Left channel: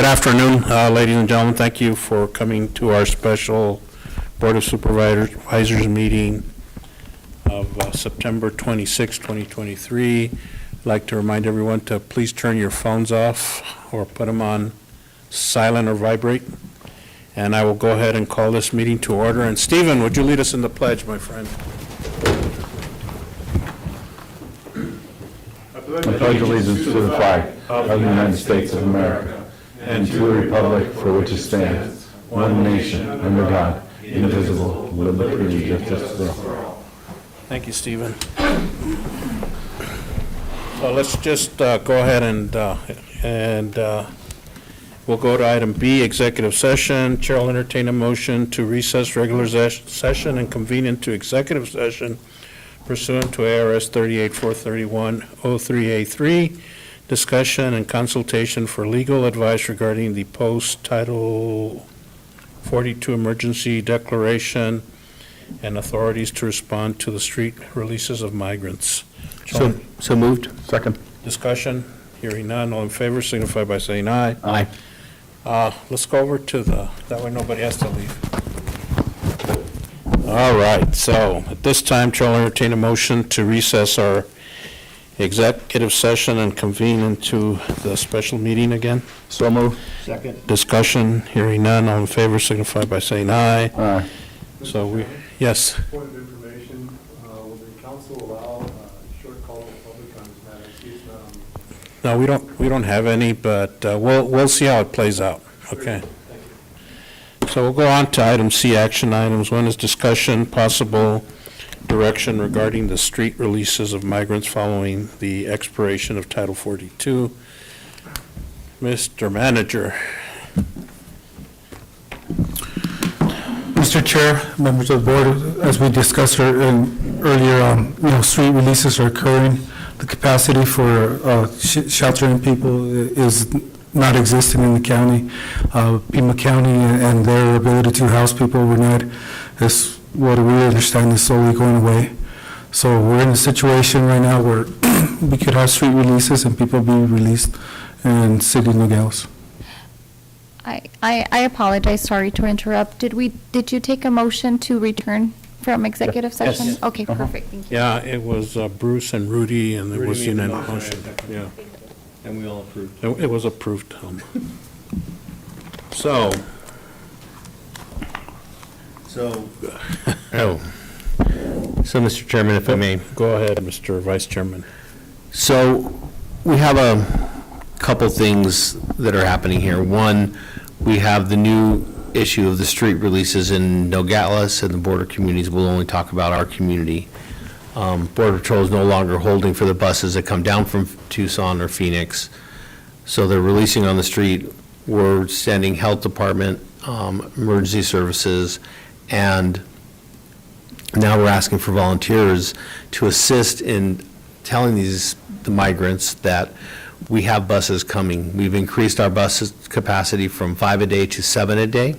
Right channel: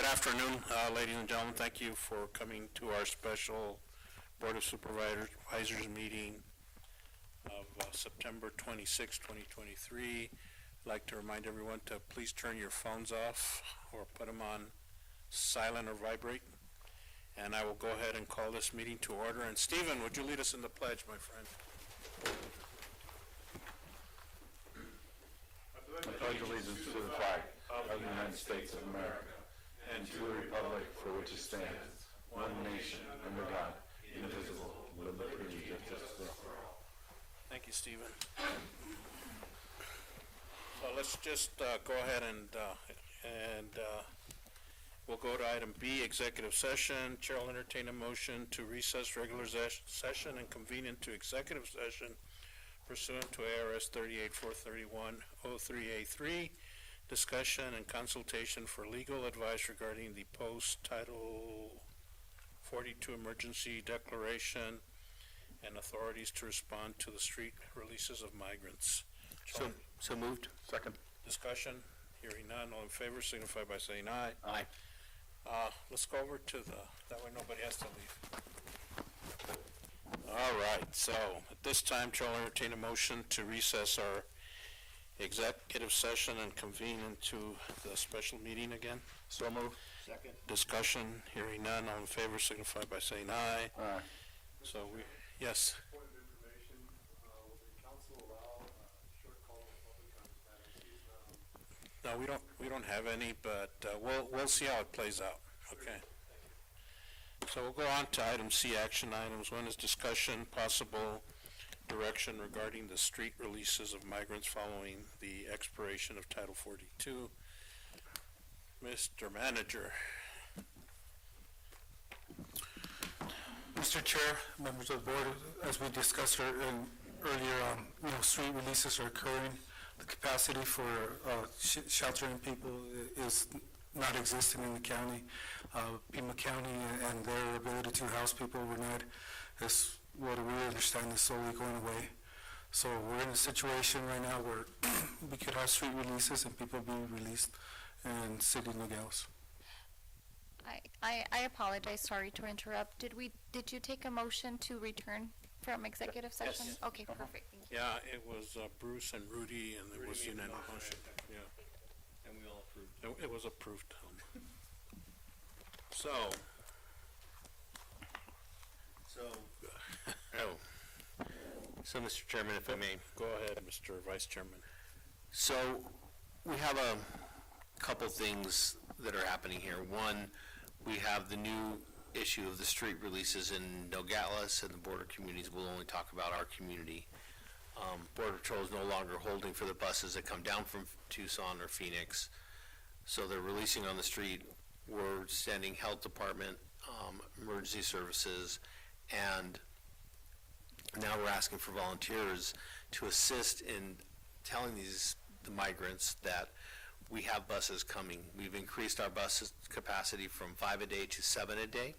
Good afternoon, ladies and gentlemen. Thank you for coming to our special Board of Supervisors meeting of September 26, 2023. I'd like to remind everyone to please turn your phones off or put them on silent or vibrate. And I will go ahead and call this meeting to order. And Stephen, would you lead us in the pledge, my friend? I pledge allegiance to the flag of the United States of America and to the republic for which it stands, one nation, under God, indivisible, with liberty and justice for all. Thank you, Stephen. So let's just go ahead and we'll go to item B, executive session. Chair will entertain a motion to recess regular session and convene into executive session pursuant to ARS 38-431-03A3, discussion and consultation for legal advice regarding the post-Title 42 emergency declaration and authorities to respond to the street releases of migrants. So moved. Second. Discussion, hearing none, all in favor signify by saying aye. Aye. Let's go over to that way nobody has to leave. All right, so at this time, Chair will entertain a motion to recess our executive session and convene into the special meeting again. So moved. Second. Discussion, hearing none, all in favor signify by saying aye. Aye. So yes. Point of information, will the council allow a short call to the public on this matter? I see it's not on. No, we don't have any, but we'll see how it plays out. Okay. So we'll go on to item C, action items. One is discussion, possible direction regarding the street releases of migrants following the expiration of Title 42. Mr. Manager. Mr. Chair, members of the board, as we discussed earlier, street releases are occurring. The capacity for sheltering people is not existing in the county. Pima County and their ability to house people overnight is what we understand is slowly going away. So we're in a situation right now where we could have street releases and people be released in City Nogales. I apologize, sorry to interrupt. Did you take a motion to return from executive session? Yes. Okay, perfect, thank you. Yeah, it was Bruce and Rudy, and there was unanimous motion. Yeah. And we all approved. It was approved. So. So, Mr. Chairman, if I may. Go ahead, Mr. Vice Chairman. So, we have a couple things that are happening here. One, we have the new issue of the street releases in Nogales, and the border communities will only talk about our community. Border Patrol is no longer holding for the buses that come down from Tucson or Phoenix. So they're releasing on the street. We're sending health department, emergency services, and now we're asking for volunteers to assist in telling the migrants that we have buses coming. We've increased our bus capacity from 5 a day to 7 a day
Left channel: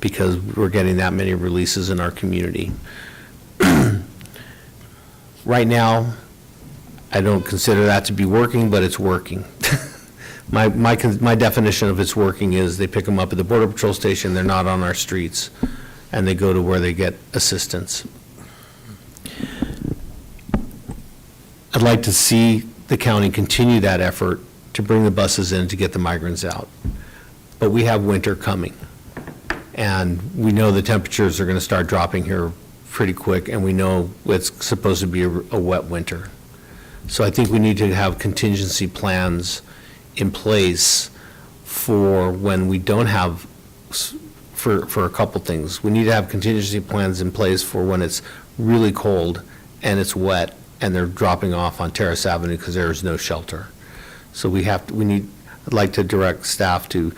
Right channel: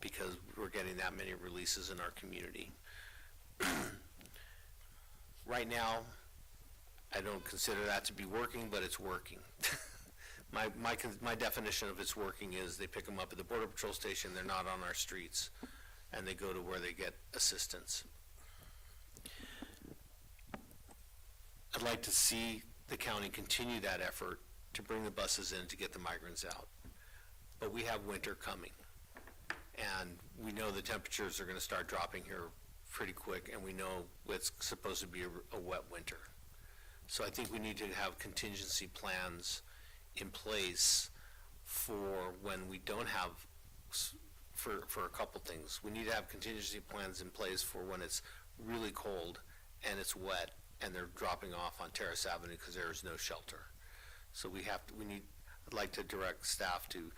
because we're getting that many releases in our community. Right now, I don't consider that to be working, but it's working. My definition of it's working is they pick them up at the Border Patrol station, they're not on our streets, and they go to where they get assistance. I'd like to see the county continue that effort to bring the buses in to get the migrants out. But we have winter coming, and we know the temperatures are going to start dropping here pretty quick, and we know it's supposed to be a wet winter. So I think we need to have contingency plans in place for when we don't have, for a couple things. We need to have contingency plans in place for when it's really cold and it's wet and they're dropping off on Terrace Avenue because there is no shelter. So I'd like to direct staff to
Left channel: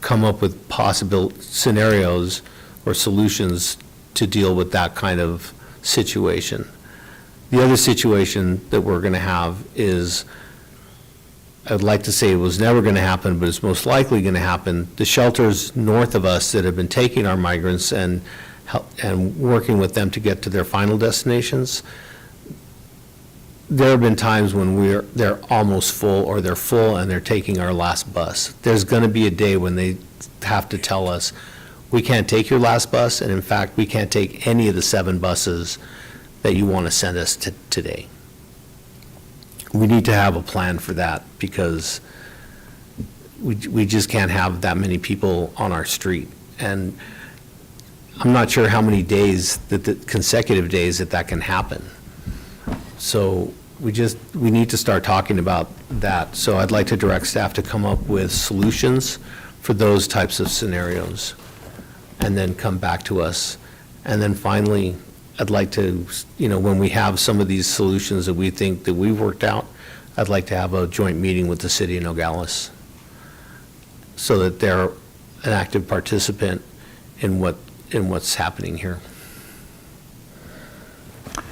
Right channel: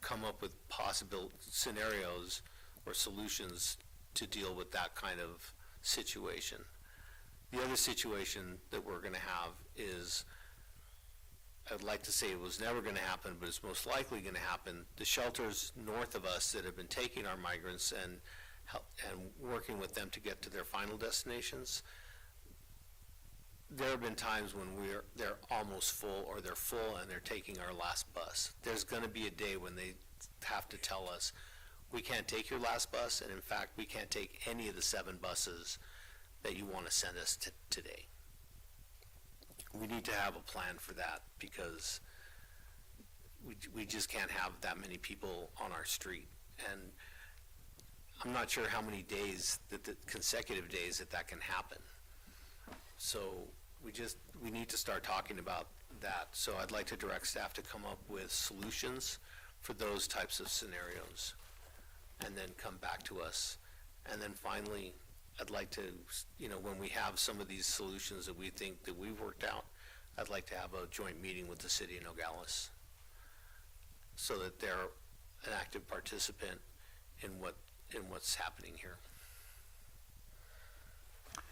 come up with possible scenarios or solutions to deal with that kind of situation. The other situation that we're going to have is, I'd like to say it was never going to happen, but it's most likely going to happen. The shelters north of us that have been taking our migrants and working with them to get to their final destinations, there have been times when they're almost full, or they're full and they're taking our last bus. There's going to be a day when they have to tell us, we can't take your last bus, and in fact, we can't take any of the 7 buses that you want to send us today. We need to have a plan for that, because we just can't have that many people on our street. And I'm not sure how many days, the consecutive days that can happen. So we need to start talking about that. So I'd like to direct staff to come up with solutions for those types of scenarios, and then come back to us. And then finally, I'd like to, when we have some of these solutions that we think that we've worked out, I'd like to have a joint meeting with the city of Nogales, so that they're an active participant in what's happening here.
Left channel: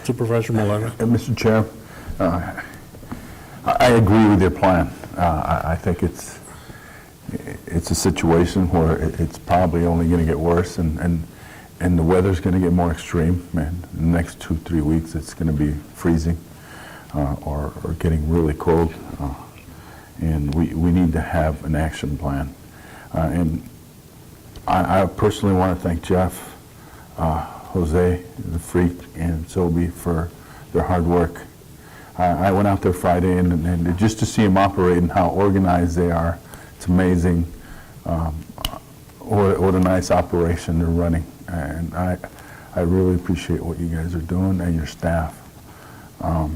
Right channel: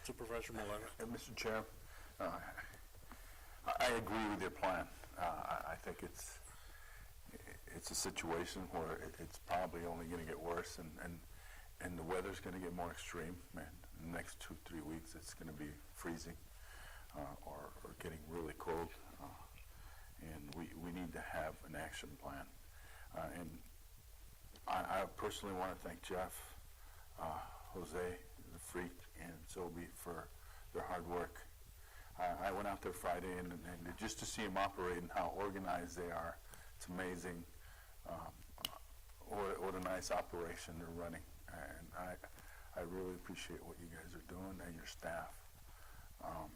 Supervisor Malanga? Mr. Chair, I agree with your plan. I think it's a situation where it's probably only going to get worse, and the weather's going to get more extreme. And in the next 2-3 weeks, it's going to be freezing or getting really cold. And we need to have an action plan. And I personally want to thank Jeff, Jose, the Freak, and Sobe for their hard work. I went out there Friday, and just to see them operate and how organized they are, it's amazing. What a nice operation they're running. And I really appreciate what you guys are doing, and your staff. I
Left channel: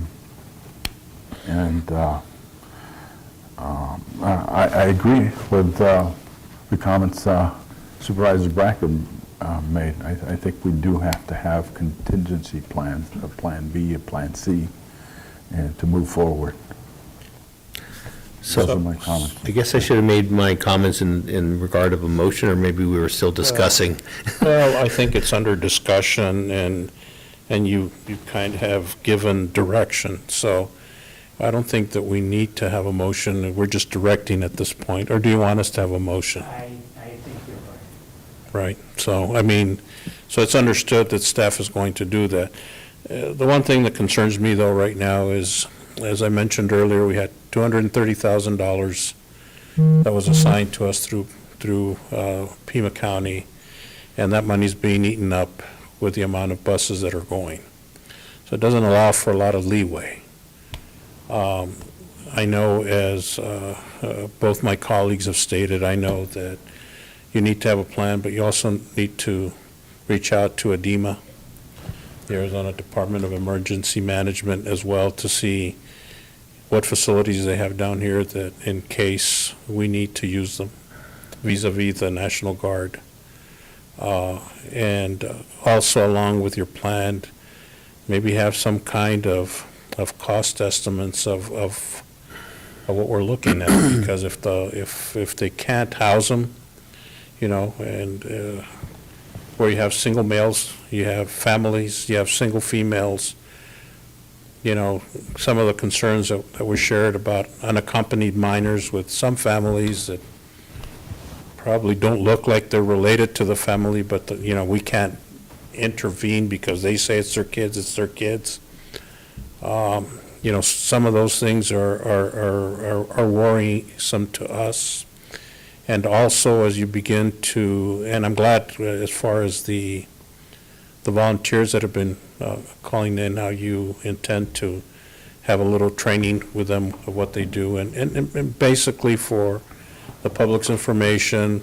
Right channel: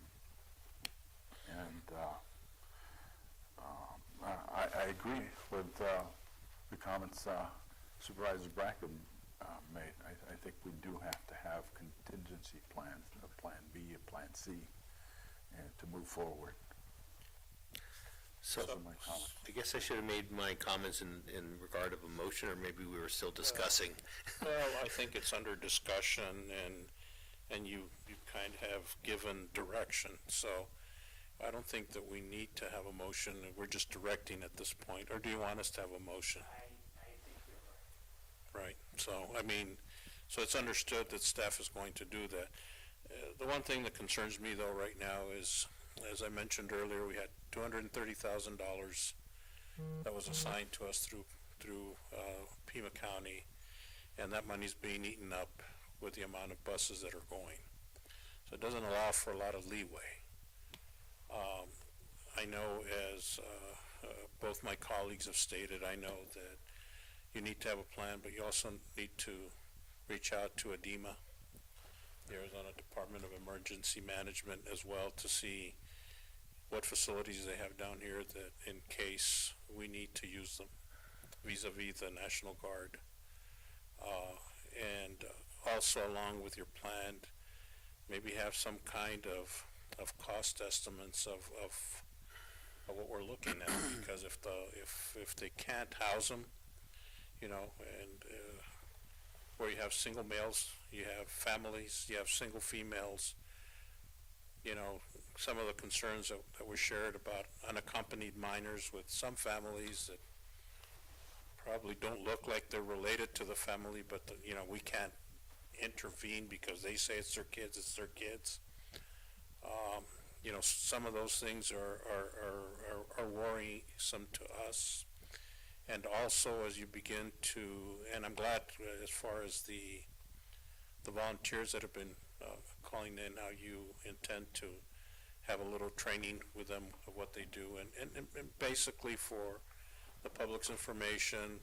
agree with the comments Supervisor Bracken made. I think we do have to have contingency plans, a plan B, a plan C, and to move forward. So Those are my comments. I guess I should have made my comments in regard of a motion, or maybe we were still discussing. Well, I think it's under discussion, and you kind of have given direction. So I don't think that we need to have a motion. We're just directing at this point. Or do you want us to have a motion? I think you're right. Right. So, so it's understood that staff is going to do that. The one thing that concerns me, though, right now is, as I mentioned earlier, we had $230,000 that was assigned to us through Pima County, and that money's being eaten up with the amount of buses that are going. So it doesn't allow for a lot of leeway. I know, as both my colleagues have stated, I know that you need to have a plan, but you also need to reach out to ADEMA, the Arizona Department of Emergency Management, as well, to see what facilities they have down here that in case we need to use them vis-a-vis the National Guard. And also, along with your plan, maybe have some kind of cost estimates of what we're looking at, because if they can't house them, and where you have single males, you have families, you have single females, some of the concerns that were shared about unaccompanied minors with some families that probably don't look like they're related to the family, but we can't intervene because they say it's their kids. Some of those things are worrisome to us. And also, as you begin to, and I'm glad as far as the volunteers that have been calling in, how you intend to have a little training with them of what they do, and basically for the public's information,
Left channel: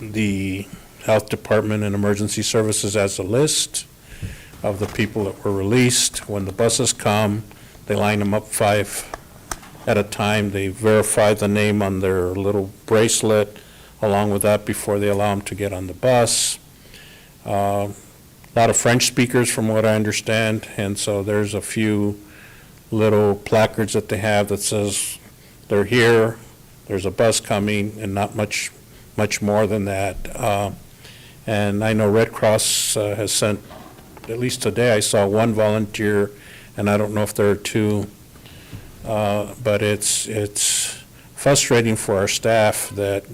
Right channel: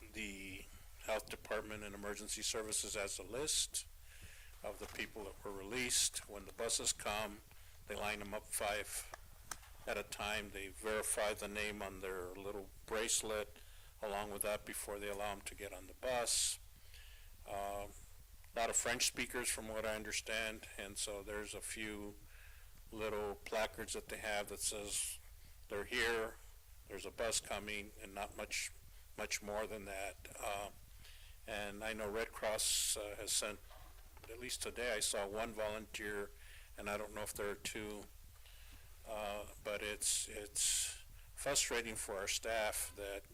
the Health Department and Emergency Services has a list of the people that were released. When the buses come, they line them up 5 at a time. They verify the name on their little bracelet along with that before they allow them to get on the bus. A lot of French speakers, from what I understand, and so there's a few little placards that they have that says they're here, there's a bus coming, and not much more than that. And I know Red Cross has sent, at least today I saw 1 volunteer, and I don't know if there are 2, but it's frustrating for our staff that,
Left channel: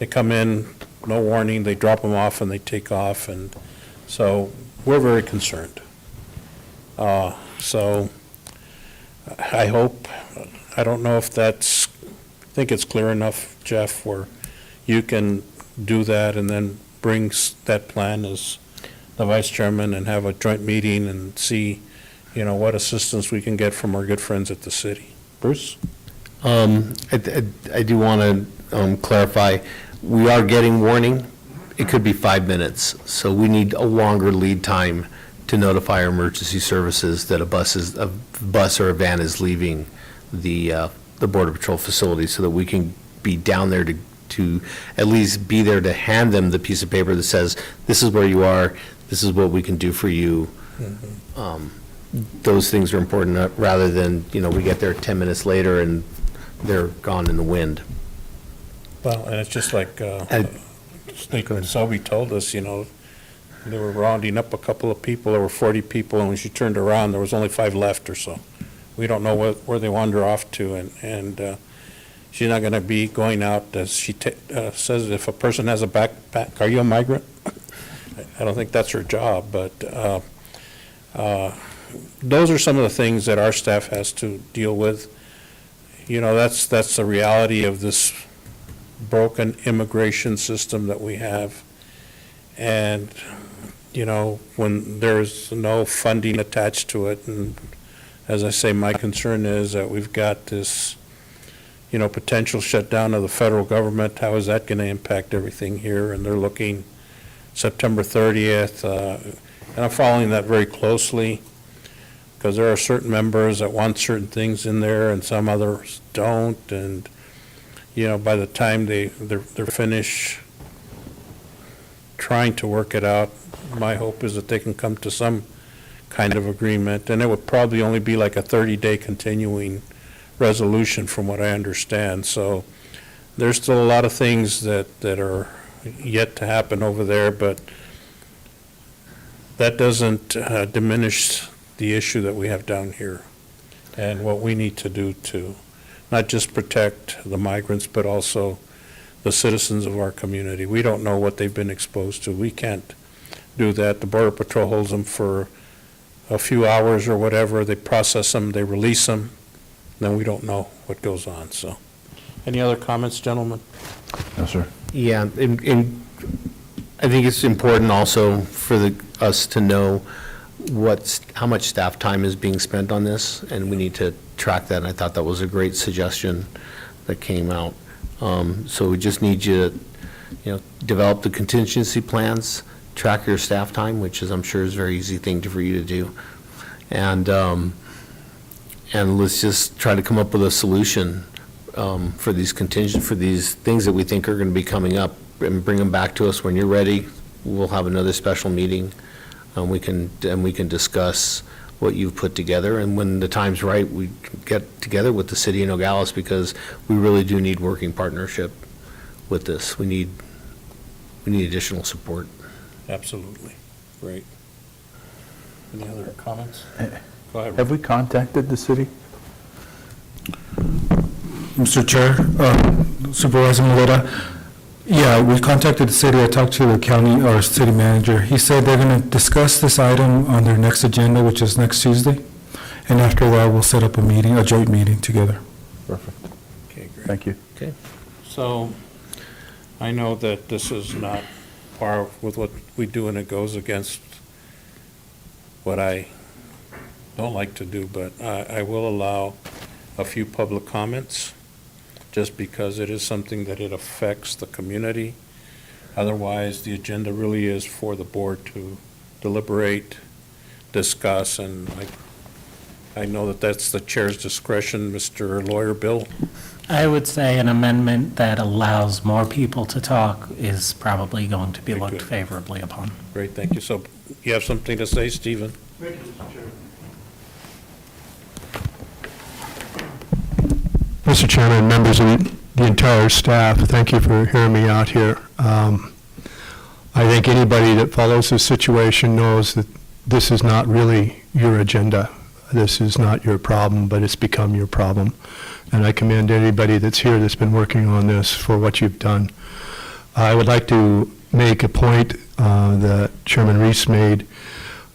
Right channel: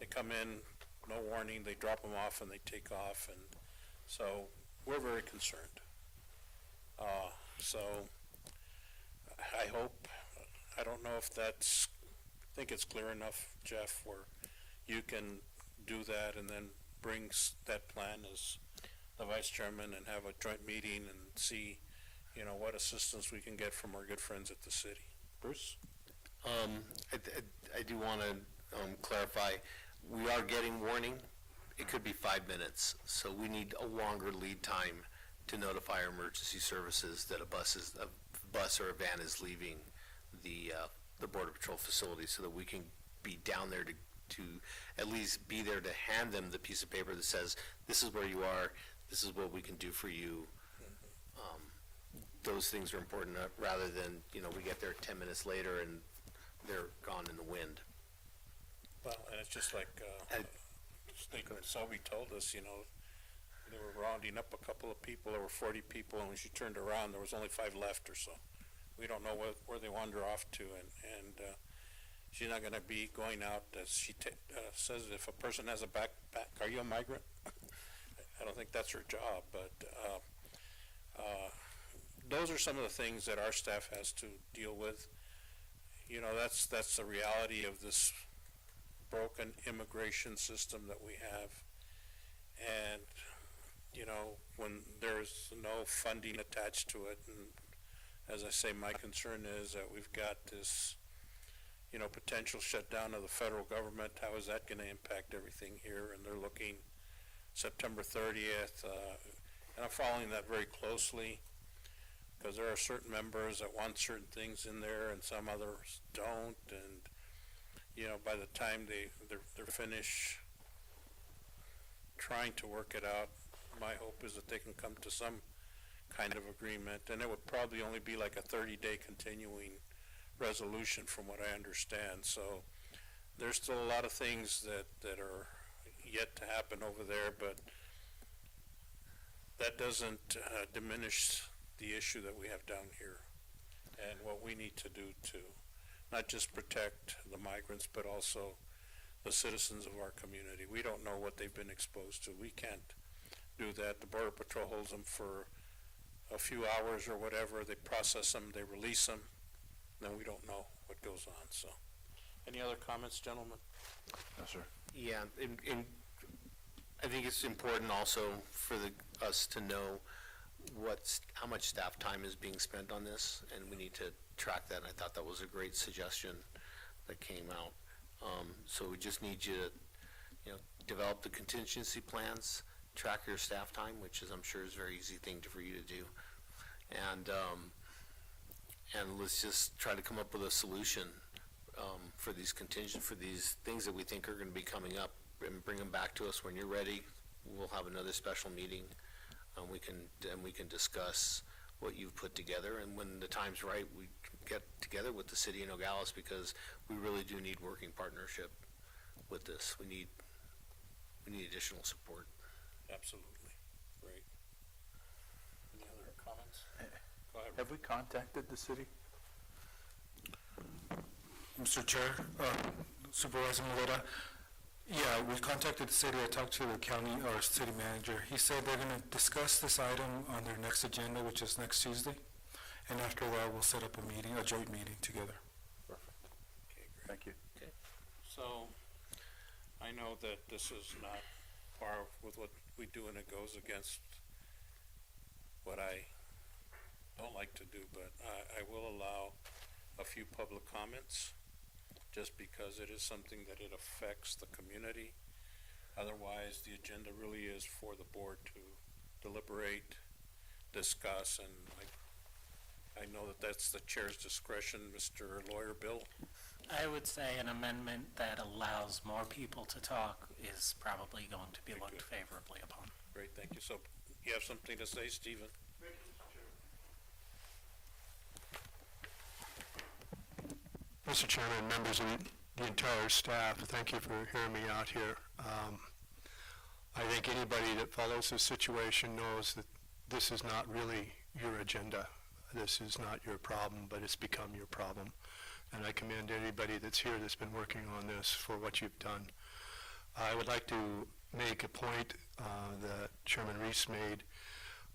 they come in, no warning, they drop them off and they take off, and so we're very concerned. So I hope, I don't know if that's, I think it's clear enough, Jeff, where you can do that and then bring that plan as the vice chairman and have a joint meeting and see, what assistance we can get from our good friends at the city. Bruce? I do want to clarify, we are getting warning. It could be 5 minutes, so we need a longer lead time to notify our emergency services that a bus or a van is leaving the Border Patrol facility, so that we can be down there to at least be there to hand them the piece of paper that says, this is where you are, this is what we can do for you. Those things are important, rather than, we get there 10 minutes later and they're gone in the wind. Well, and it's just like, Selby told us, they were rounding up a couple of people, there were 40 people, and when she turned around, there was only 5 left or so. We don't know where they wander off to, and she's not going to be going out, as she says, if a person has a backpack, are you a migrant? I don't think that's her job, but those are some of the things that our staff has to deal with. That's the reality of this broken immigration system that we have. And, when there's no funding attached to it, and as I say, my concern is that we've got this, potential shutdown of the federal government. How is that going to impact everything here? And they're looking September 30th, and I'm following that very closely, because there are certain members that want certain things in there and some others don't, and by the time they're finished trying to work it out, my hope is that they can come to some kind of agreement, and it would probably only be like a 30-day continuing resolution from what I understand. So there's still a lot of things that are yet to happen over there, but that doesn't diminish the issue that we have down here and what we need to do to not just protect the migrants, but also the citizens of our community. We don't know what they've been exposed to. We can't do that. The Border Patrol holds them for a few hours or whatever. They process them, they release them, then we don't know what goes on. So, any other comments, gentlemen? No, sir. Yeah, and I think it's important also for us to know how much staff time is being spent on this, and we need to track that, and I thought that was a great suggestion that came out. So we just need you to, develop the contingency plans, track your staff time, which is, I'm sure, is a very easy thing for you to do. And let's just try to come up with a solution for these things that we think are going to be coming up, and bring them back to us when you're ready. We'll have another special meeting. We can discuss what you've put together, and when the time's right, we get together with the city of Nogales, because we really do need working partnership with this. We need additional support. Absolutely. Great. Any other comments? Go ahead. Have we contacted the city? Mr. Chair, Supervisor Maleta, yeah, we contacted the city. I talked to the county or city manager. He said they're going to discuss this item on their next agenda, which is next Tuesday. And after that, we'll set up a joint meeting together. Perfect. Okay, great. Thank you. Okay. So, I know that this is not par with what we do, and it goes against what I don't like to do, but I will allow a few public comments, just because it is something that it affects the community. Otherwise, the agenda really is for the board to deliberate, discuss, and I know that that's the chair's discretion. Mr. Lawyer Bill? I would say an amendment that allows more people to talk is probably going to be Very looked good. favorably upon. Great, thank you. So, you have something to say, Stephen? Thank you, Mr. Chair. Mr. Chairman, members of the entire staff, thank you for hearing me out here. I think anybody that follows this situation knows that this is not really your agenda. This is not your problem, but it's become your problem. And I commend anybody that's here that's been working on this for what you've done. I would like to make a point that Chairman Reese made.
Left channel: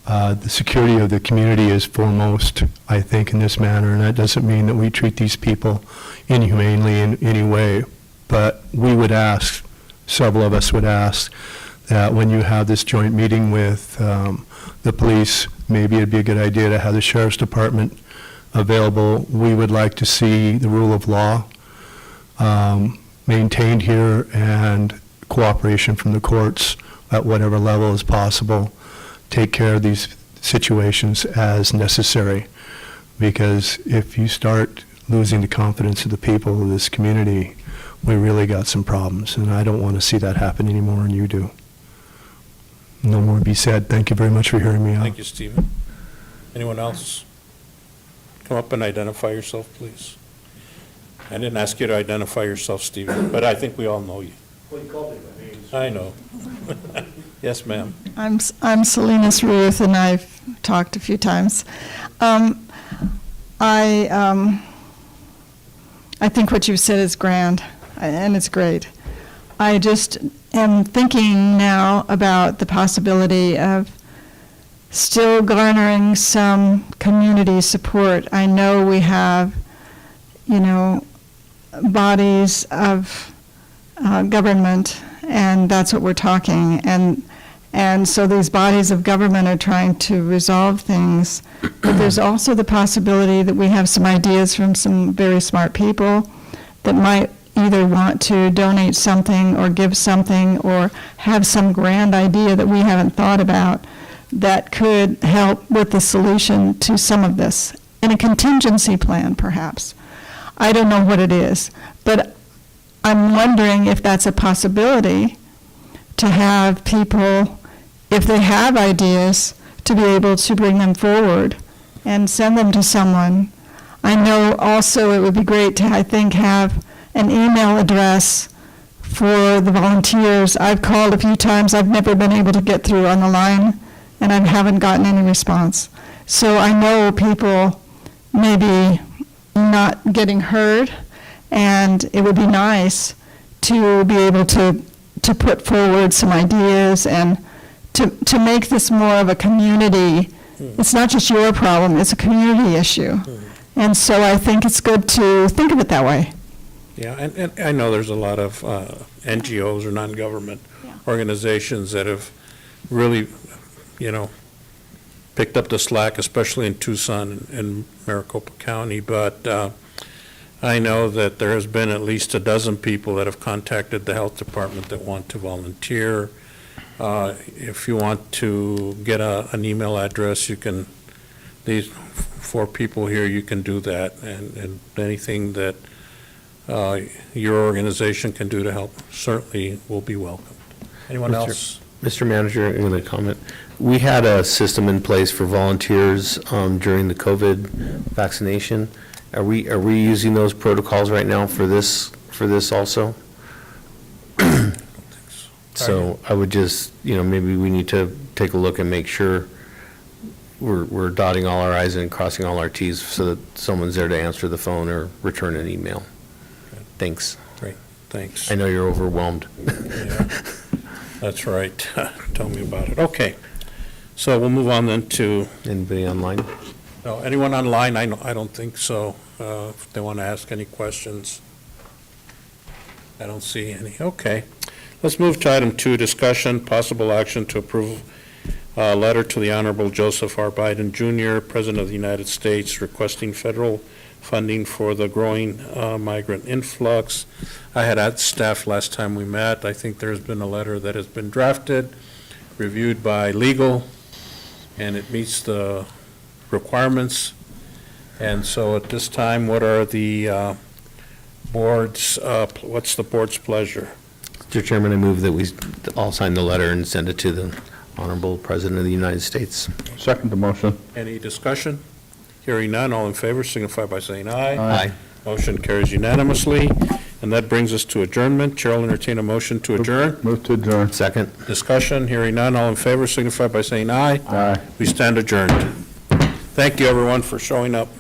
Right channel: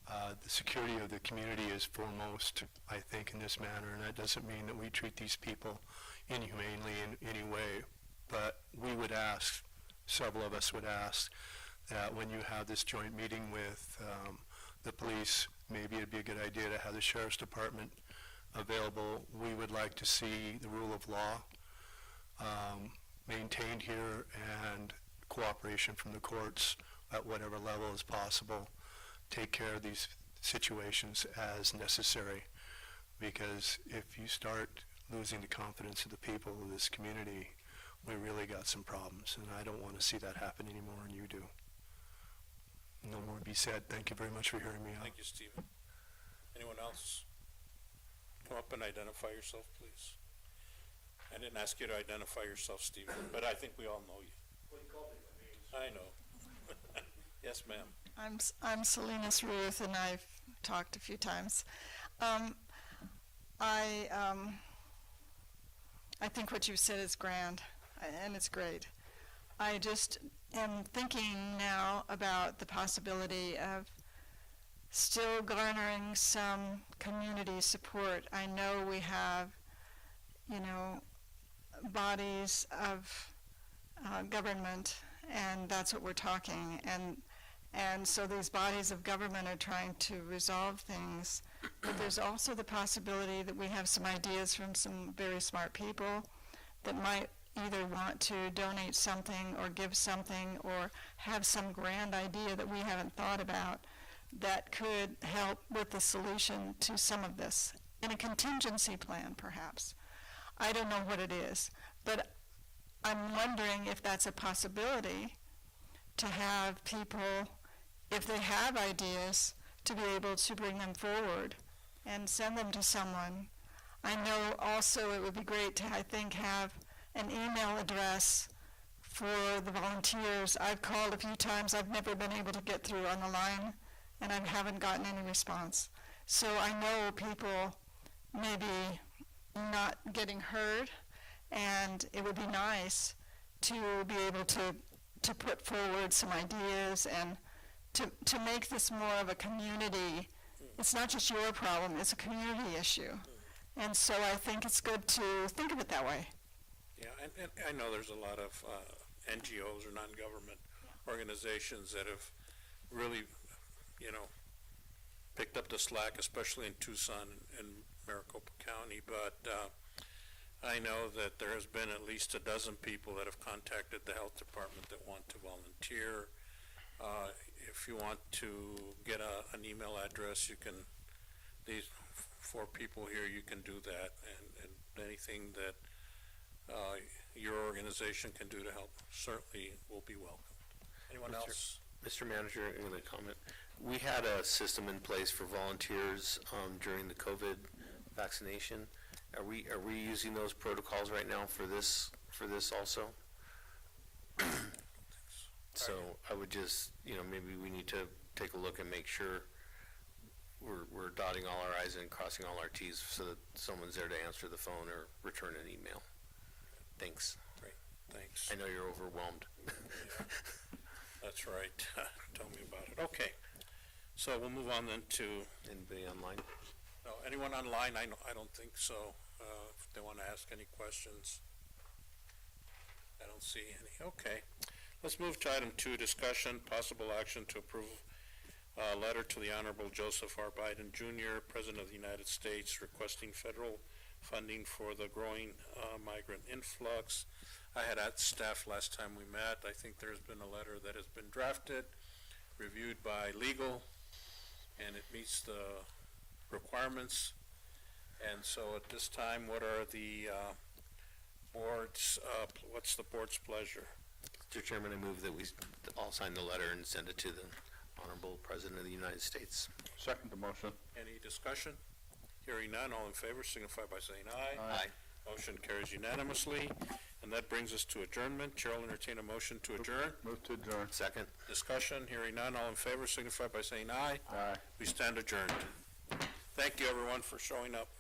The security of the community is foremost, I think, in this matter, and that doesn't mean that we treat these people inhumanely in any way. But we would ask, several of us would ask, that when you have this joint meeting with the police, maybe it'd be a good idea to have the sheriff's department available. We would like to see the rule of law maintained here and cooperation from the courts at whatever level is possible. Take care of these situations as necessary, because if you start losing the confidence of the people of this community, we really got some problems, and I don't want to see that happen anymore, and you do. No more to be said. Thank you very much for hearing me out. Thank you, Stephen. Anyone else? Come up and identify yourself, please. I didn't ask you to identify yourself, Stephen, but I think we all know you. Well, you called me by name. I know. Yes, ma'am. I'm Salinas Ruth, and I've talked a few times. I think what you've said is grand, and it's great. I just am thinking now about the possibility of still garnering some community support. I know we have, bodies of government, and that's what we're talking. And so these bodies of government are trying to resolve things. But there's also the possibility that we have some ideas from some very smart people that might either want to donate something or give something or have some grand idea that we haven't thought about that could help with the solution to some of this, in a contingency plan, perhaps. I don't know what it is, but I'm wondering if that's a possibility to have people, if they have ideas, to be able to bring them forward and send them to someone. I know also it would be great to, I think, have an email address for the volunteers. I've called a few times. I've never been able to get through on the line, and I haven't gotten any response. So I know people may be not getting heard, and it would be nice to be able to put forward some ideas and to make this more of a community. It's not just your problem, it's a community issue. And so I think it's good to think of it that way. Yeah, and I know there's a lot of NGOs or non-government organizations that have really, picked up the slack, especially in Tucson and Maricopa County. But I know that there has been at least a dozen people that have contacted the health department that want to volunteer. If you want to get an email address, you can, these 4 people here, you can do that. And anything that your organization can do to help certainly will be welcomed. Anyone else? Mr. Manager, I'm going to comment. We had a system in place for volunteers during the COVID vaccination. Are we using those protocols right now for this also? So I would just, maybe we need to take a look and make sure we're dotting all our i's and crossing all our t's so that someone's there to answer the phone or return an email. Thanks. Great, thanks. I know you're overwhelmed. Yeah, that's right. Tell me about it. Okay, so we'll move on then to, Anybody online? no, anyone online? I don't think so. If they want to ask any questions. I don't see any. Okay. Let's move to item 2, discussion, possible action to approve a letter to the Honorable Joseph R. Biden, Jr., President of the United States, requesting federal funding for the growing migrant influx. I had asked staff last time we met. I think there's been a letter that has been drafted, reviewed by legal, and it meets the requirements. And so at this time, what are the board's, what's the board's pleasure? Mr. Chairman, I move that we all sign the letter and send it to the Honorable President of the United States. Second the motion. Any discussion? Hearing none, all in favor signify by saying aye. Aye. Motion carries unanimously, and that brings us to adjournment. Chair will entertain a motion to adjourn. Move to adjourn. Second. Discussion, hearing none, all in favor signify by saying aye. Aye. We stand adjourned. Thank you, everyone, for showing up.